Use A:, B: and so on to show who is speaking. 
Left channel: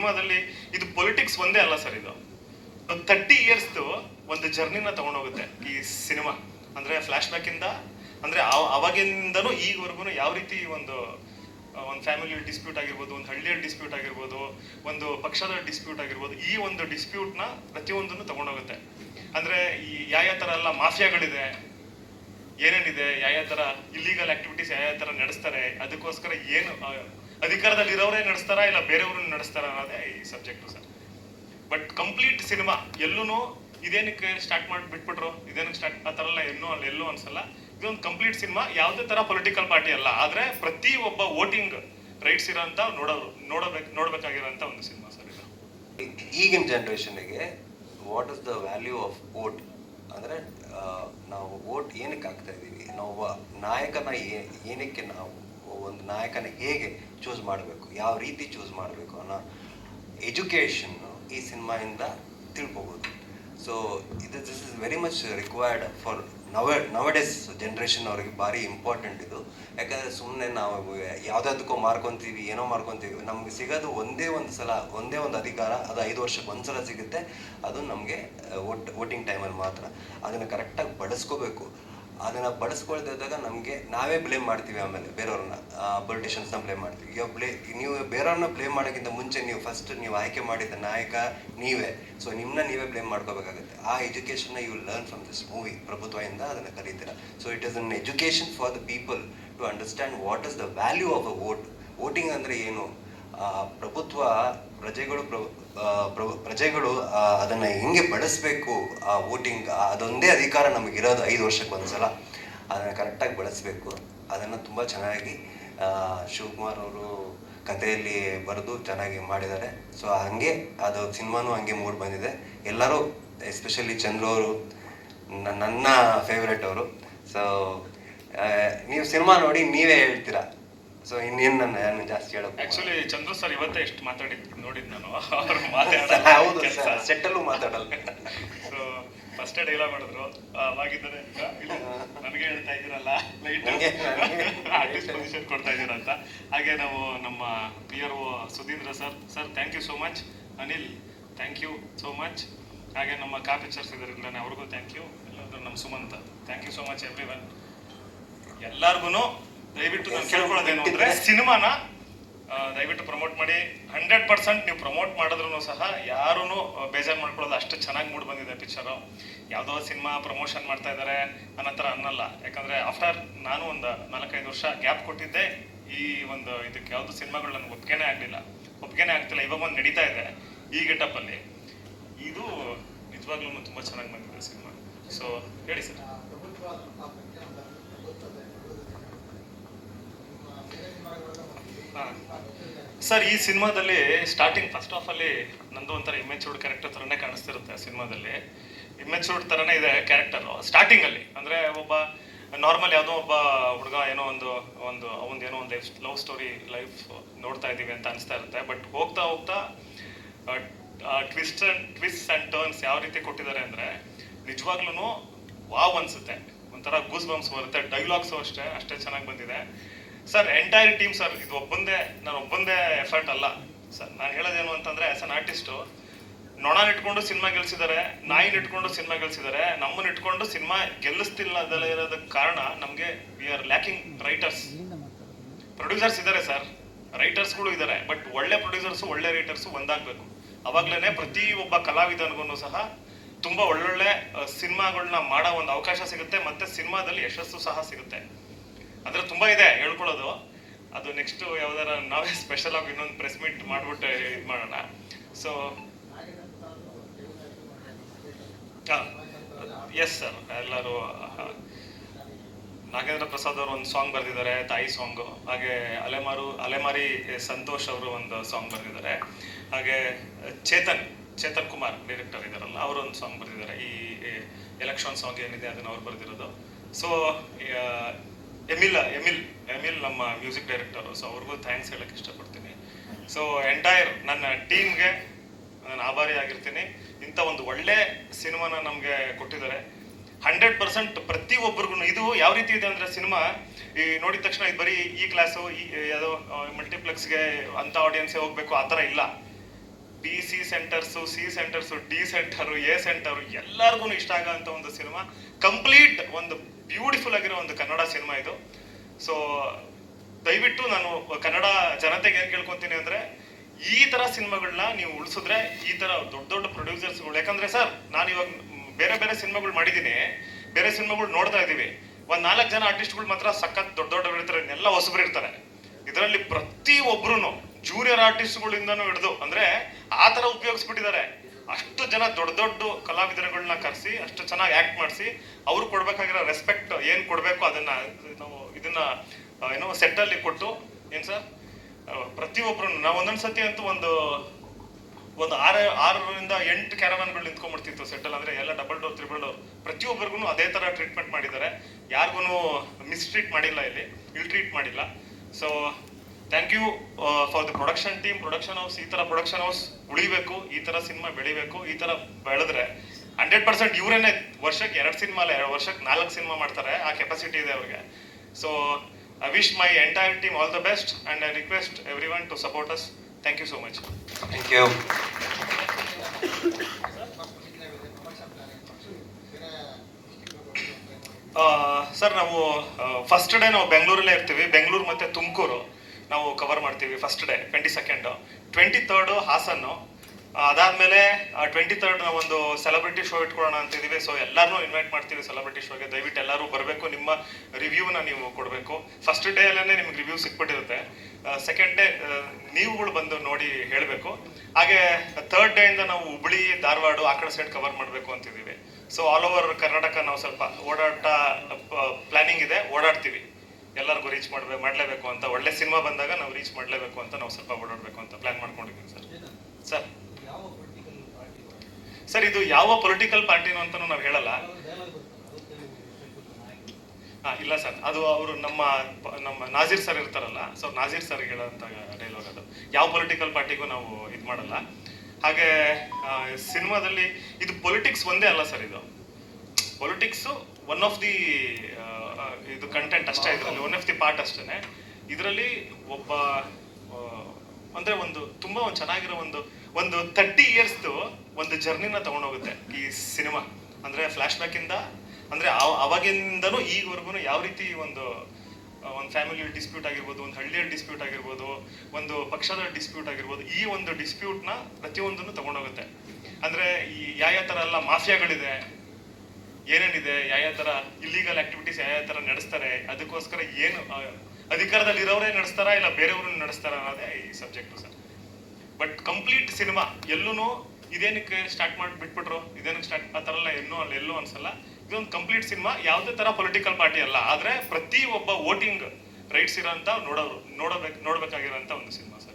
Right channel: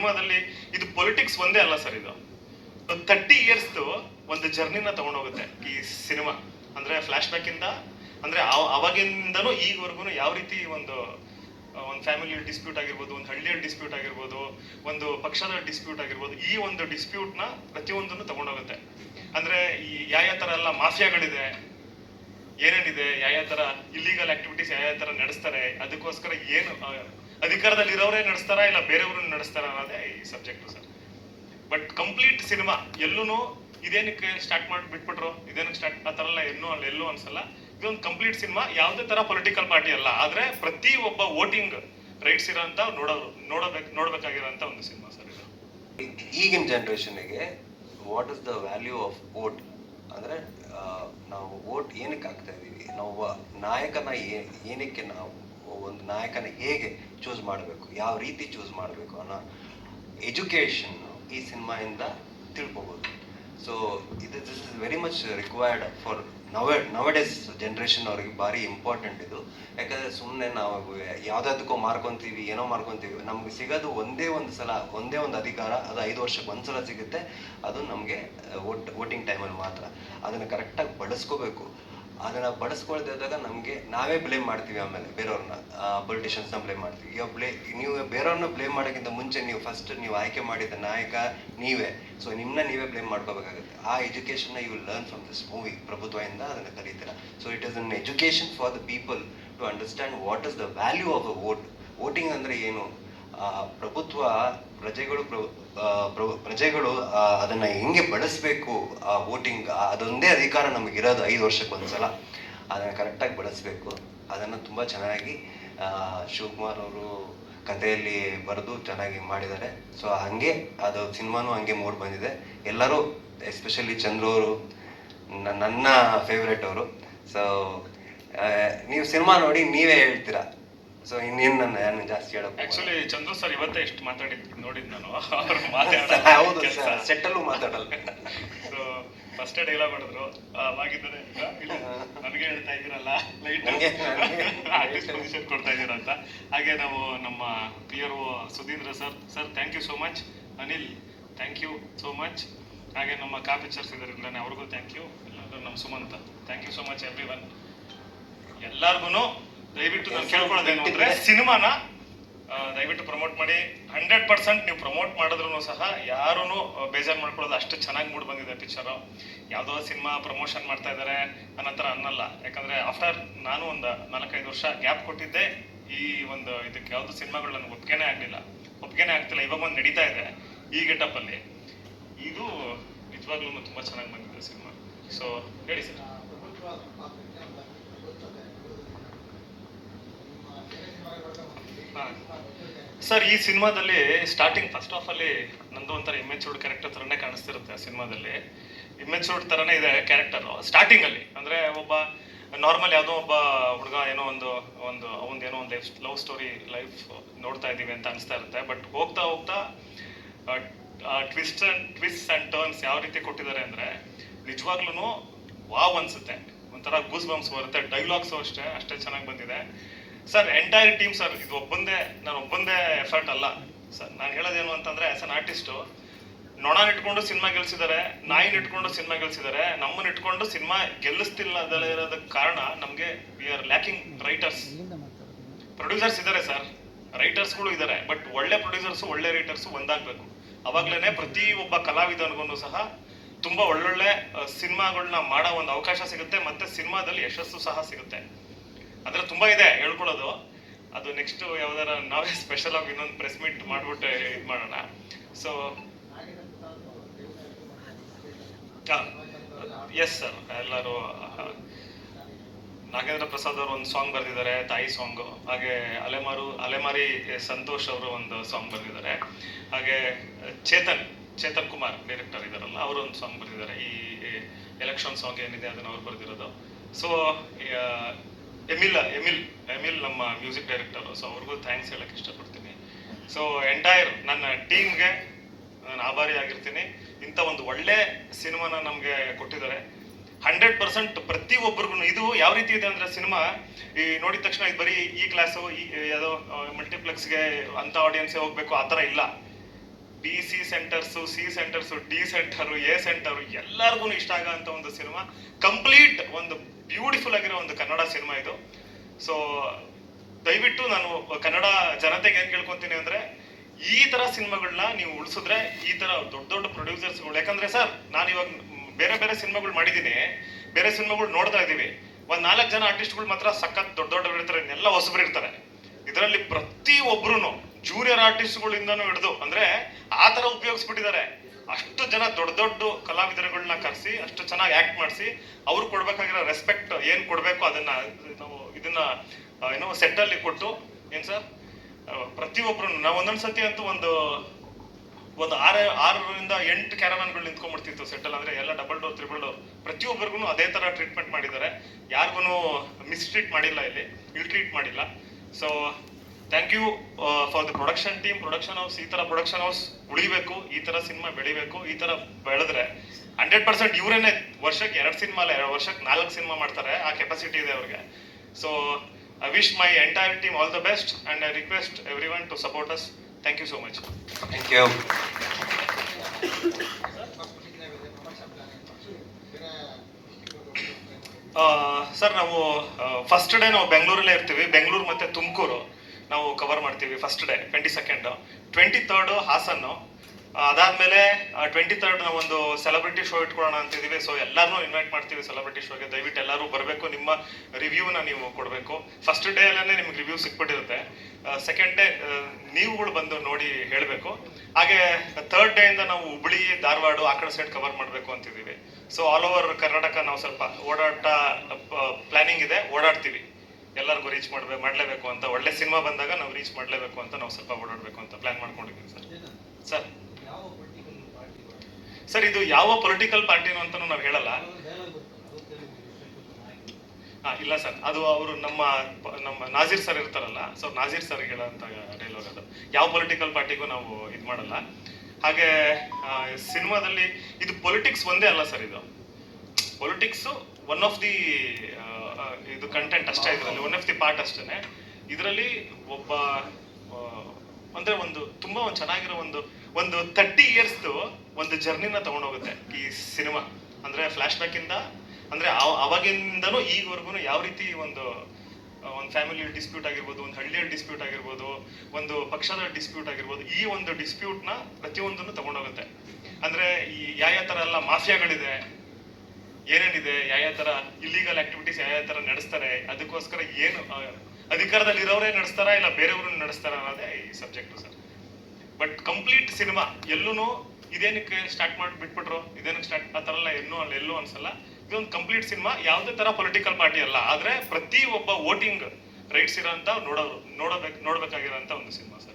A: ಸಿನಿಮಾದಲ್ಲಿ ಇದು ಪೊಲಿಟಿಕ್ಸ್ ಒಂದೇ ಅಲ್ಲ ಸರ್ ಇದು. ತರ್ಟಿ ಇಯರ್ಸ್ದು ಒಂದು ಜರ್ನಿನ ತಗೊಂಡೋಗುತ್ತೆ ಈ ಸಿನಿಮಾ. ಅಂದ್ರೆ ಫ್ಲಾಶ್ ಬ್ಯಾಕ್ ಇಂದ, ಅಂದ್ರೆ ಅವಾಗಿಂದನೂ ಈಗವರೆಗೂ ಯಾವ ರೀತಿ ಒಂದು ಒಂದು ಫ್ಯಾಮಿಲಿ ಡಿಸ್ಪ್ಯೂಟ್ ಆಗಿರ್ಬೋದು, ಒಂದು ಹಳ್ಳಿಯ ಡಿಸ್ಪ್ಯೂಟ್ ಆಗಿರ್ಬೋದು, ಒಂದು ಪಕ್ಷದ ಡಿಸ್ಪ್ಯೂಟ್ ಆಗಿರ್ಬೋದು, ಈ ಒಂದು ಡಿಸ್ಪ್ಯೂಟ್ನ ನ ಪ್ರತಿಯೊಂದನ್ನು ತಗೊಂಡೋಗುತ್ತೆ. ಅಂದ್ರೆ ಈ ಯಾವ ತರ ಎಲ್ಲ ಮಾಫಿಯಾಗಳಿದೆ, ಏನೇನಿದೆ, ಯಾವ ತರ ಇಲ್ಲಿಗಲ್ ಆಕ್ಟಿವಿಟೀಸ್ ಯಾವ ತರ ನಡೆಸ್ತಾರೆ, ಅದಕ್ಕೋಸ್ಕರ ಏನು ಅಧಿಕಾರದಲ್ಲಿ ಇರೋರೇ ನಡೆಸ್ತಾರಾ ಇಲ್ಲ ಬೇರೆಯವ್ರನ್ನ ನಡೆಸ್ತಾರ ಅನ್ನೋದೇ ಈ subject sir. But complete cinema ಎಲ್ಲೂ ಇದೇನಕ್ಕೆ ಸ್ಟಾರ್ಟ್ ಮಾಡಿ, ಬಿಟ್ಬಿಟ್ರು? ಇದೇನಕ್ಕೆ ಸ್ಟಾರ್ಟ್ ಆ ಥರ ಎಲ್ಲ ಎಲ್ಲೂ ಅಲ್ಲ, ಎಲ್ಲೂ ಅನ್ಸಲ್ಲ. ಇದೊಂದು ಕಂಪ್ಲೀಟ್ ಸಿನಿಮಾ ಯಾವುದೇ ತರ ಪೊಲಿಟಿಕಲ್ ಪಾರ್ಟಿ ಅಲ್ಲ. ಆದ್ರೆ ಪ್ರತಿ ಒಬ್ಬ ವೋಟಿಂಗ್ ರೈಟ್ಸ್ ಇರೋಂತ ನೋಡೋದು ನೋಡಬೇಕು, ನೋಡಬೇಕಾಗಿರೋಂಥ ಒಂದು ಸಿನಿಮಾ ಸರ್
B: ಈಗಿನ ಜನ್ರೇಷನ್ಗೆ what is the value of vote ಅಂದರೆ ನಾವು ವೋಟ್ ಏನಕ್ಕೆ ಆಗ್ತಾ ಇದ್ದೀವಿ ನಾವು ನಾಯಕನ ಏನಕ್ಕೆ ನಾವು ಒಂದು ನಾಯಕನ ಹೇಗೆ ಚೂಸ್ ಮಾಡಬೇಕು, ಯಾವ ರೀತಿ ಚೂಸ್ ಮಾಡಬೇಕು ಅನ್ನೋ ಎಜುಕೇಷನ್ ಈ ಸಿನಿಮಾಯಿಂದ ತಿಳ್ಕೋಬೋದು. ಸೊ ಇದು this is very much required for now nowadays generation ಅವ್ರಿಗೆ ಭಾರಿ ಇಂಪಾರ್ಟೆಂಟ್ ಇದು. ಯಾಕಂದರೆ ಸುಮ್ಮನೆ ನಾವು ಯಾವುದಾದಕ್ಕೋ ಮಾರ್ಕೊತೀವಿ, ಏನೋ ಮಾರ್ಕೊತೀವಿ, ನಮ್ಗೆ ಸಿಗೋದು ಒಂದೇ ಒಂದು ಸಲ, ಒಂದೇ ಒಂದು ಅಧಿಕಾರ, ಅದು ಐದು ವರ್ಷಕ್ಕೆ ಒಂದು ಸಲ ಸಿಗುತ್ತೆ, ಅದು ನಮಗೆ ವೋಟ್, ವೋಟಿಂಗ್ ಟೈಮಲ್ಲಿ ಮಾತ್ರ. ಅದನ್ನು ಕರೆಕ್ಟಾಗಿ ಬಳಸ್ಕೋಬೇಕು ಅದನ್ನು ಬಳಸ್ಕೊಳ್ದಿದ್ದಾಗ ನಮಗೆ ನಾವೇ ಬ್ಲೇಮ್ ಮಾಡ್ತೀವಿ ಆಮೇಲೆ ಬೇರೆಯವ್ರನ್ನ. ಪೊಲಿಟಿಷಿಯನ್ಸ್ನ ಬ್ಲೇಮ್ ಮಾಡ್ತೀವಿ. ಈಗ ಬ್ಲೇ ನೀವು ಬೇರೆಯವ್ರನ್ನ ಬ್ಲೇಮ್ ಮಾಡೋಕ್ಕಿಂತ ಮುಂಚೆ ನೀವು ಫಸ್ಟ್ ನೀವು ಆಯ್ಕೆ ಮಾಡಿದ ನಾಯಕ ನೀವೇ. ಸೊ ನಿಮ್ಮನ್ನ ನೀವೇ ಬ್ಲೇಮ್ ಮಾಡ್ಕೋಬೇಕಾಗುತ್ತೆ. ಆ ಎಜುಕೇಷನ್ನ you learn from this movie ಪ್ರಭುತ್ವದಿಂದ ಅದನ್ನು ಕಲಿತೀರ. So it is an education for the people to understand what is the value of a vote voting ಅಂದರೆ ಏನು? ಪ್ರಭುತ್ವ ಪ್ರಜೆಗಳು ಪ್ರಜೆಗಳು ಅದನ್ನು ಹೆಂಗೆ ಬಳಸಬೇಕು, ಆ ವೋಟಿಂಗ್ ಅದೊಂದೇ ಅಧಿಕಾರ ನಮಗಿರೋದು ಐದು ವರ್ಷಕ್ಕೆ ಒಂದ್ಸಲ. ಅದನ್ನು ಕರೆಕ್ಟಾಗಿ ಬಳಸಬೇಕು. ಅದನ್ನು ತುಂಬ ಚೆನ್ನಾಗಿ ಶಿವಕುಮಾರ್ ಅವರು ಕಥೆಯಲ್ಲಿ ಬರೆದು ಚೆನ್ನಾಗಿ ಮಾಡಿದ್ದಾರೆ. ಸೊ, ಹಂಗೆ ಅದು ಸಿನಿಮಾನು ಹಂಗೆ ಮೂಡ್ ಬಂದಿದೆ. ಎಲ್ಲರೂ, ಎಸ್ಪೆಷಲಿ ಚಂದ್ರು ಅವರು ನನ್ನ ಫೇವ್ರೆಟ್ ಅವರು. ಸೊ ನೀವು ಸಿನಿಮಾ ನೋಡಿ ನೀವೇ ಹೇಳ್ತೀರಾ? ಸೊ ಇನ್ನೇನು ನನ್ನ ನಾನು ಜಾಸ್ತಿ ಹೇಳೋದು
A: ಆಕ್ಚುಲಿ ಚಂದ್ರ ಸರ್ ಇವತ್ತೇ ಎಷ್ಟು ಮಾತಾಡಿದ್ ನೋಡಿದ್ ನಾನು.
B: ಹೌದು ಸರ್ ಸೆಟ್ಟಲ್ಲೂ ಮಾತಾಡಲ್ಲ.
A: ಸೊ ಫಸ್ಟ್ ಡೈಲಾಗ್ ಮಾಡಿದ್ರು. ಅವಾಗಿದ್ದಾರೆ ಅಂತ ನನಗೆ ಹೇಳ್ತಾ ಇದ್ದೀರಲ್ಲ ಆರ್ಟಿಸ್ಟ್ ಪೊಸಿಷನ್ ಕೊಡ್ತಾ ಇದ್ದೀರ ಅಂತ. ಹಾಗೆ ನಾವು ನಮ್ಮ ಪ್ರಿಯರು Sudhindra sir sir thank you so much Anil thank you so much ಹಾಗೆ ನಮ್ಮ ಕಾ ಪಿಕ್ಚರ್ಸ್ ಇದರಿಂದ ಅವ್ರಿಗೂ ಥ್ಯಾಂಕ್ ಯು ಇಲ್ಲಾಂದ್ರೆ ನಮ್ಮ Sumanth thank you so much everyone ಎಲ್ಲಾರ್ಗು ದಯವಿಟ್ಟು ನಾನು ಕೇಳ್ಕೊಳ್ಳೋದೇನು ಅಂದ್ರೆ, ಸಿನಿಮಾನ ದಯವಿಟ್ಟು ಪ್ರಮೋಟ್ ಮಾಡಿ. ಹಂಡ್ರೆಡ್ ಪರ್ಸೆಂಟ್ ನೀವು ಪ್ರಮೋಟ್ ಮಾಡಿದ್ರು ಸಹ ಯಾರೂ ಬೇಜಾರು ಮಾಡ್ಕೊಳ್ಳೋದು ಅಷ್ಟು ಚೆನ್ನಾಗಿ ಮೂಡ್ ಬಂದಿದೆ ಪಿಕ್ಚರು ಯಾವುದೋ ಸಿನಿಮಾ ಪ್ರಮೋಷನ್ ಮಾಡ್ತಾ ಇದ್ದಾರೆ ಅನ್ನೋ ಅನ್ನಲ್ಲ. ಯಾಕಂದ್ರೆ ಆಫ್ಟರ್ ನಾನು ಒಂದು ನಾಲ್ಕೈದು ವರ್ಷ ಗ್ಯಾಪ್ ಕೊಟ್ಟಿದ್ದೆ, ಈ ಒಂದು ಇದಕ್ಕೆ ಯಾವುದು ಸಿನಿಮಾಗಳು ನನಗೆ ಒಪ್ಪಿಗೆನೇ ಆಗಲಿಲ್ಲ. ಒಪ್ಪಿಗೆನೇ ಆಗ್ತಿಲ್ಲ, ಇವಾಗ ಒಂದು ನಡೀತಾ ಇದೆ, ಈ ಗೆಟಪ್ ಅಲ್ಲಿ. ಇದು ನಿಜವಾಗ್ಲೂ ತುಂಬಾ ಚೆನ್ನಾಗಿ ಬಂದಿದೆ ಸಿನಿಮಾ. ಸೊ ಹೇಳಿ ಸರ್. ಸರ್, ಈ ಸಿನಿಮಾದಲ್ಲಿ ಸ್ಟಾರ್ಟಿಂಗ್ ಫಸ್ಟ್ ಆಫ್ ಅಲ್ಲಿ ನಂದು ಒಂಥರ ಇಮ್ಮೆಚೂರ್ಡ್ ಕ್ಯಾರೆಕ್ಟರ್ ತರನೇ ಕಾಣಿಸ್ತಿರುತ್ತೆ ಸಿನಿಮಾದಲ್ಲಿ. ಇಮ್ಮೆಚೂರ್ಡ್ ತರನೇ ಇದೆ ಕ್ಯಾರೆಕ್ಟರ್ ಸ್ಟಾರ್ಟಿಂಗ್ ಅಲ್ಲಿ, ಅಂದ್ರೆ ಒಬ್ಬ ನಾರ್ಮಲ್ ಯಾವುದೋ ಒಬ್ಬ ಹುಡುಗ ಏನೋ ಒಂದು ಒಂದು ಅವನ್ ಏನೋ ಒಂದು ಲವ್ ಸ್ಟೋರಿ ಲೈಫ್ ನೋಡ್ತಾ ಇದ್ದೀವಿ ಅಂತ ಅನಿಸ್ತಾ ಇರುತ್ತೆ. ಬಟ್ ಹೋಗ್ತಾ ಹೋಗ್ತಾ twist and twist and turns ಯಾವ ರೀತಿ ಕೊಟ್ಟಿದ್ದಾರೆ ಅಂದ್ರೆ ನಿಜವಾಗ್ಲೂ ವಾವ್ ಅನ್ಸುತ್ತೆ. ಒಂಥರ ಗೂಸ್ ಬಂಪ್ಸ್ ಬರುತ್ತೆ ಡೈಲಾಗ್ಸು ಅಷ್ಟೇ ಅಷ್ಟೇ ಚೆನ್ನಾಗಿ ಬಂದಿದೆ. ಸರ್ ಎಂಟೈರ್ ಟೀಮ್ ಸರ್, ಇದು ಒಬ್ಬಂದೇ, ನಾನು ಒಬ್ಬಂದೇ ಎಫರ್ಟ್ ಅಲ್ಲ. ಸರ್, ನಾನು ಹೇಳೋದೇನು ಅಂತಂದ್ರೆ ಆಸ್ ಅನ್ ಆರ್ಟಿಸ್ಟು ನೊಣನ ಇಟ್ಕೊಂಡು ಸಿನಿಮಾ ಗೆಲ್ಸಿದ್ದಾರೆ ನಾಯಿನ ಇಟ್ಕೊಂಡು ಸಿನಿಮಾ ಗೆಲ್ಸಿದ್ದಾರೆ ನಮ್ಮನ್ನ ಇಟ್ಕೊಂಡು ಸಿನಿಮಾ ಗೆಲ್ಲಿಸ್ತಿಲ್ಲ ಇರೋದಕ್ಕೆ ಕಾರಣ ನಮಗೆ we are lacking writers producers ಇದ್ದಾರೆ ಸರ್ ರೈಟರ್ಸ್ಗಳು ಇದ್ದಾರೆ ಬಟ್ ಒಳ್ಳೆ ಪ್ರೊಡ್ಯೂಸರ್ಸು ಒಳ್ಳೆ ರೈಟರ್ಸ್ ಒಂದಾಗಬೇಕು. ಅವಾಗ್ಲೇನೆ ಪ್ರತಿ ಒಬ್ಬ ಕಲಾವಿದನಿಗೂ ಸಹ ತುಂಬಾ ಒಳ್ಳೊಳ್ಳೆ ಸಿನಿಮಾಗಳನ್ನ ಮಾಡೋ ಒಂದು ಅವಕಾಶ ಸಿಗುತ್ತೆ, ಮತ್ತೆ ಸಿನಿಮಾದಲ್ಲಿ ಯಶಸ್ಸು ಸಹ ಸಿಗುತ್ತೆ. ಅಂದ್ರೆ ತುಂಬಾ ಇದೆ, ಹೇಳ್ಕೊಳ್ಳೋದು. ಅದು ನೆಕ್ಸ್ಟ್ ಯಾವ್ದಾರ ನಾವೇ ಸ್ಪೆಷಲ್ ಆಗಿ ಇನ್ನೊಂದು ಪ್ರೆಸ್ ಮೀಟ್ ಮಾಡ್ಬಿಟ್ಟು ಇದು ಮಾಡೋಣ. ಸೊ ಎಸ್ ಸರ್ ಎಲ್ಲರೂ ನಾಗೇಂದ್ರ ಪ್ರಸಾದ್ ಅವರು ಒಂದು ಸಾಂಗ್ ಬರೆದಿದ್ದಾರೆ, ತಾಯಿ ಸಾಂಗ್ ಹಾಗೆ ಅಲೆಮಾರು, ಅಲೆಮಾರಿ ಸಂತೋಷ್ ಅವರು ಒಂದು ಸಾಂಗ್ ಬರೆದಿದ್ದಾರೆ. ಹಾಗೆ, ಚೇತನ್ ಚೇತನ್ ಕುಮಾರ್ ಡೈರೆಕ್ಟರ್ ಇದಾರಲ್ಲ, ಅವರು ಒಂದು ಸಾಂಗ್ ಬರೆದಿದ್ದಾರೆ. ಈ ಎಲೆಕ್ಷನ್ ಸಾಂಗ್ ಏನಿದೆ ಅದನ್ನ ಅವ್ರು ಬರೆದಿರೋದು. ಸೊ ಎಮಿಲ್ ಎಮಿಲ್ ಎಮಿಲ್ ನಮ್ಮ ಮ್ಯೂಸಿಕ್ ಡೈರೆಕ್ಟರ್ ಸೊ ಅವ್ರಿಗೂ ಥ್ಯಾಂಕ್ಸ್ ಹೇಳಕ್ ಇಷ್ಟಪಡ್ತೀನಿ. ಸೊ ಎಂಟೈರ್ ನನ್ನ ಟೀಮ್ಗೆ ನಾನು ಆಭಾರಿ ಆಗಿರ್ತೀನಿ. ಇಂಥ ಒಂದು ಒಳ್ಳೆ ಸಿನಿಮಾನ ನಮಗೆ ಕೊಟ್ಟಿದ್ದಾರೆ. ಹಂಡ್ರೆಡ್ ಪರ್ಸೆಂಟ್ ಪ್ರತಿ ಒಬ್ಬರಿಗೂ ಇದು ಯಾವ ರೀತಿ ಇದೆ ಅಂದ್ರೆ ಸಿನಿಮಾ, ಈ ನೋಡಿದ ತಕ್ಷಣ ಇದು ಬರೀ ಈ ಕ್ಲಾಸು ಈ, ಯಾವುದೋ ಮಲ್ಟಿಪ್ಲೆಕ್ಸ್ಗೆ ಅಂತ ಆಡಿಯನ್ಸೇ ಹೋಗ್ಬೇಕು, ಆ ಥರ ಇಲ್ಲ. B C centres C centres, D centre, A centre ಎಲ್ಲರಿಗೂ ಇಷ್ಟ ಆಗೋಂಥ ಒಂದು ಸಿನಿಮಾ. ಕಂಪ್ಲೀಟ್ ಒಂದು ಬ್ಯೂಟಿಫುಲ್ ಆಗಿರೋ ಒಂದು ಕನ್ನಡ ಸಿನಿಮಾ ಇದು. ಸೊ, ದಯವಿಟ್ಟು ನಾನು ಕನ್ನಡ ಜನತೆಗೆ ಏನು ಕೇಳ್ಕೊತೀನಿ ಅಂದ್ರೆ, ಈ ತರ ಸಿನಿಮಾಗಳನ್ನ ನೀವು ಉಳಿಸಿದ್ರೆ ಈ ತರ ದೊಡ್ಡ ದೊಡ್ಡ ಪ್ರೊಡ್ಯೂಸರ್ಸ್ಗಳು ಯಾಕಂದ್ರೆ ಸರ್, ನಾನು ಇವಾಗ ಬೇರೆ ಬೇರೆ ಸಿನಿಮಾಗಳು ಮಾಡಿದ್ದೀನಿ, ಬೇರೆ ಸಿನಿಮಾಗಳು ನೋಡ್ತಾ ಇದೀವಿ ಒಂದು ನಾಲ್ಕು ಜನ ಆರ್ಟಿಸ್ಟ್ಗಳು ಮಾತ್ರ ಸಖತ್ ದೊಡ್ಡ ದೊಡ್ಡ ಇರ್ತಾರೆ ಎಲ್ಲ ಹೊಸಬರು ಇರ್ತಾರೆ ಇದರಲ್ಲಿ ಪ್ರತಿ ಒಬ್ರು ಜೂನಿಯರ್ ಆರ್ಟಿಸ್ಟ್ಗಳಿಂದನೂ ಹಿಡಿದು, ಅಂದ್ರೆ ಆ ತರ ಉಪಯೋಗಿಸ್ಬಿಟ್ಟಿದ್ದಾರೆ. ಅಷ್ಟು ಜನ ದೊಡ್ಡ ದೊಡ್ಡ ಕಲಾವಿದರುಗಳನ್ನ ಕರೆಸಿ, ಅಷ್ಟು ಚೆನ್ನಾಗಿ ಆಕ್ಟ್ ಮಾಡಿಸಿ, ಅವ್ರು ಕೊಡ್ಬೇಕಾಗಿರೋ ರೆಸ್ಪೆಕ್ಟ್ ಏನ್ ಕೊಡ್ಬೇಕು ಅದನ್ನ, ನಾವು ಇದನ್ನ ಏನು ಸೆಟ್ ಅಲ್ಲಿ ಕೊಟ್ಟು, ಏನ್ ಸರ್? ಪ್ರತಿಯೊಬ್ರು ನಾವು ಒಂದೊಂದ್ಸತಿ ಅಂತೂ ಒಂದು ಒಂದು ಆರ, ಆರರಿಂದ ಎಂಟು ಕ್ಯಾರವಾನ್ಗಳು ನಿಂತ್ಕೊಂಡ್ಬಿಡ್ತಿತ್ತು ಸೆಟಲ್ ಅಂದ್ರೆ ಎಲ್ಲ ಡಬಲ್ ಡೋರ್ ತ್ರಿಬಲ್ ಡೋರ್ ಪ್ರತಿಯೊಬ್ಬರಿಗೂ ಅದೇ ತರ ಟ್ರೀಟ್ಮೆಂಟ್ ಮಾಡಿದ್ದಾರೆ. ಯಾರಿಗೂ ಮಿಸ್ಟ್ರೀಟ್ ಮಾಡಿಲ್ಲ ಇಲ್ಲಿ ಇಲ್ ಟ್ರೀಟ್ ಮಾಡಿಲ್ಲ. So thank you for the production team production house ಈ ತರ ಪ್ರೊಡಕ್ಷನ್ ಹೌಸ್ ಉಳಿಬೇಕು ಈ ತರ ಸಿನಿಮಾ ಬೆಳಿಬೇಕು ಈ ತರ ಬೆಳೆದ್ರೆ ಹಂಡ್ರೆಡ್ ಪರ್ಸೆಂಟ್ ಇವರೇನೆ ವರ್ಷಕ್ಕೆ ಎರಡು ಸಿನಿಮಾ ಅಲ್ಲ ಎರಡು ವರ್ಷಕ್ಕೆ ನಾಲ್ಕು ಸಿನಿಮಾ ಮಾಡ್ತಾರೆ ಆ ಕೆಪಾಸಿಟಿ ಇದೆ ಅವ್ರಿಗೆ. So I wish my entire team all the best and I request everyone to support us thank you so much
B: thank you
A: sir ನಾವು ಫಸ್ಟ್ ಡೇ ನಾವು ಬೆಂಗಳೂರಲ್ಲೇ ಇರ್ತೀವಿ ಬೆಂಗಳೂರು ಮತ್ತೆ ತುಮಕೂರು. ನಾವು ಕವರ್ ಮಾಡ್ತೀವಿ first day twenty second twenty third ಹಾಸನ್ನು ಅದಾದಮೇಲೆ twenty third ಒಂದು celebrity show ಇಟ್ಕೊಳ್ಳೋಣ ಅಂತಿದ್ದೀವಿ ಸೊ ಎಲ್ಲಾರು ಇನ್ವೈಟ್ ಮಾಡ್ತೀವಿ ಸೆಲೆಬ್ರಿಟಿ ಶೋಗೆ ದಯವಿಟ್ಟು ಎಲ್ಲರೂ ಬರಬೇಕು. ನಿಮ್ಮ ರಿವ್ಯೂನ ನೀವು ಕೊಡಬೇಕು. ಫಸ್ಟ್ ಡೇ ಅಲ್ಲೇ ನಿಮ್ಗೆ ರಿವ್ಯೂ ಸಿಕ್ಬಿಟ್ಟಿರುತ್ತೆ. ಸೆಕೆಂಡ್ ಡೇ ನೀವುಗಳು ಬಂದು ನೋಡಿ ಹೇಳಬೇಕು. ಹಾಗೆ ಥರ್ಡ್ ಡೇ ಇಂದ ನಾವು ಹುಬ್ಳಿ, ಧಾರವಾಡ ಆ ಕಡೆ ಸೈಡ್ ಕವರ್ ಮಾಡಬೇಕು ಅಂತಿದ್ದೀವಿ ಸೊ ಆಲ್ ಓವರ್ ಕರ್ನಾಟಕ ನಾವು ಸ್ವಲ್ಪ ಓಡಾಟ ಪ್ಲಾನಿಂಗ್ ಇದೆ. ಓಡಾಡ್ತೀವಿ. ಎಲ್ಲರಿಗೂ ರೀಚ್ ಮಾಡಬೇಕು ಮಾಡಲೇಬೇಕು ಅಂತ. ಒಳ್ಳೆ ಸಿನಿಮಾ ಬಂದಾಗ ನಾವು ರೀಚ್ ಮಾಡಲೇಬೇಕು ಅಂತ ನಾವು ಸ್ವಲ್ಪ ಓಡಾಡಬೇಕು ಅಂತ ಪ್ಲಾನ್ ಮಾಡ್ಕೊಂಡಿದ್ದೀವಿ ಸರ್. ಸರ್. ಸರ್, ಇದು ಯಾವ ಪೊಲಿಟಿಕಲ್ ಪಾರ್ಟಿನೂ ಅಂತ ನಾವು ಹೇಳಲ್ಲ. ಹಾ, ಇಲ್ಲ ಸರ್. ಅದು ಅವರು ನಮ್ಮ ನಮ್ಮ ನಾಜೀರ್ ಸರ್ ಇರ್ತಾರಲ್ಲ ಸೊ ನಾಜೀರ್ ಸರ್ ಹೇಳೋಂಥ ಡೈಲಾಗ್ ಅದು. ಯಾವ ಪೊಲಿಟಿಕಲ್ ಪಾರ್ಟಿಗೂ ನಾವು ಇದು ಮಾಡಲ್ಲ. ಹಾಗೆ ಸಿನಿಮಾದಲ್ಲಿ ಇದು ಪೊಲಿಟಿಕ್ಸ್ ಒಂದೇ ಅಲ್ಲ ಸರ್ ಇದು. ಪೊಲಿಟಿಕ್ಸ್ ಒನ್ ಆಫ್ ದಿ ಇದು ಕಂಟೆಂಟ್ ಅಷ್ಟೇ ಇದರಲ್ಲಿ ಒನ್ ಆಫ್ ದಿ ಪಾರ್ಟ್ ಅಷ್ಟೇ ಇದರಲ್ಲಿ ಒಬ್ಬ ಅಂದ್ರೆ ಒಂದು ತುಂಬಾ ಒಂದು ಚೆನ್ನಾಗಿರೋ ಒಂದು ಒಂದು ತರ್ಟಿ ಇಯರ್ಸ್ದು ಒಂದು ಜರ್ನಿನ ತಗೊಂಡೋಗುತ್ತೆ ಈ ಸಿನಿಮಾ. ಅಂದ್ರೆ ಫ್ಲಾಶ್ ಬ್ಯಾಕ್ ಇಂದ, ಅಂದ್ರೆ ಅವಾಗಿಂದನೂ ಈವರೆಗೂ ಯಾವ ರೀತಿ ಒಂದು ಒಂದು ಫ್ಯಾಮಿಲಿ ಡಿಸ್ಪ್ಯೂಟ್ ಆಗಿರ್ಬೋದು, ಒಂದು ಹಳ್ಳಿಯ ಡಿಸ್ಪ್ಯೂಟ್ ಆಗಿರ್ಬೋದು, ಒಂದು ಪಕ್ಷದ ಡಿಸ್ಪ್ಯೂಟ್ ಆಗಿರ್ಬೋದು, ಈ ಒಂದು ಡಿಸ್ಪ್ಯೂಟ್ನ ಪ್ರತಿಯೊಂದನ್ನು ತಗೊಂಡೋಗುತ್ತೆ. ಅಂದ್ರೆ ಈ ಯಾವ ಯಾವ ತರ ಎಲ್ಲ ಮಾಫಿಯಾಗಳಿದೆ ಏನೇನಿದೆ ಯಾವ ಯಾವ ತರ ಇಲ್ಲಿಗಲ್ ಆಕ್ಟಿವಿಟೀಸ್ ಯಾವ ಯಾವ ತರ ನಡೆಸ್ತಾರೆ, ಅದಕ್ಕೋಸ್ಕರ ಏನು ಅಧಿಕಾರದಲ್ಲಿ ಇರೋರೇ ನಡೆಸ್ತಾರಾ ಇಲ್ಲ ಬೇರೆಯವ್ರನ್ನ ನಡೆಸ್ತಾರ ಅನ್ನೋದೇ ಈ subject sir. But complete cinema ಎಲ್ಲೂ ಇದೇನಕ್ಕೆ ಸ್ಟಾರ್ಟ್ ಮಾಡಿ, ಬಿಟ್ಬಿಟ್ರು? ಇದೇನಕ್ಕೆ ಸ್ಟಾರ್ಟ್ ಆ ಥರ ಎಲ್ಲ ಎಲ್ಲೂ ಅಲ್ಲ, ಎಲ್ಲೂ ಅನ್ಸಲ್ಲ. ಇದೊಂದು ಕಂಪ್ಲೀಟ್ ಸಿನಿಮಾ ಯಾವುದೇ ತರ ಪೊಲಿಟಿಕಲ್ ಪಾರ್ಟಿ ಅಲ್ಲ. ಆದ್ರೆ ಪ್ರತಿ ಒಬ್ಬ ವೋಟಿಂಗ್ ರೈಟ್ಸ್ ಇರೋಂತ ನೋಡೋರು, ನೋಡಬೇಕು, ನೋಡ್ಬೇಕಾಗಿರೋಂಥ ಒಂದು ಸಿನಿಮಾ ಸರ್.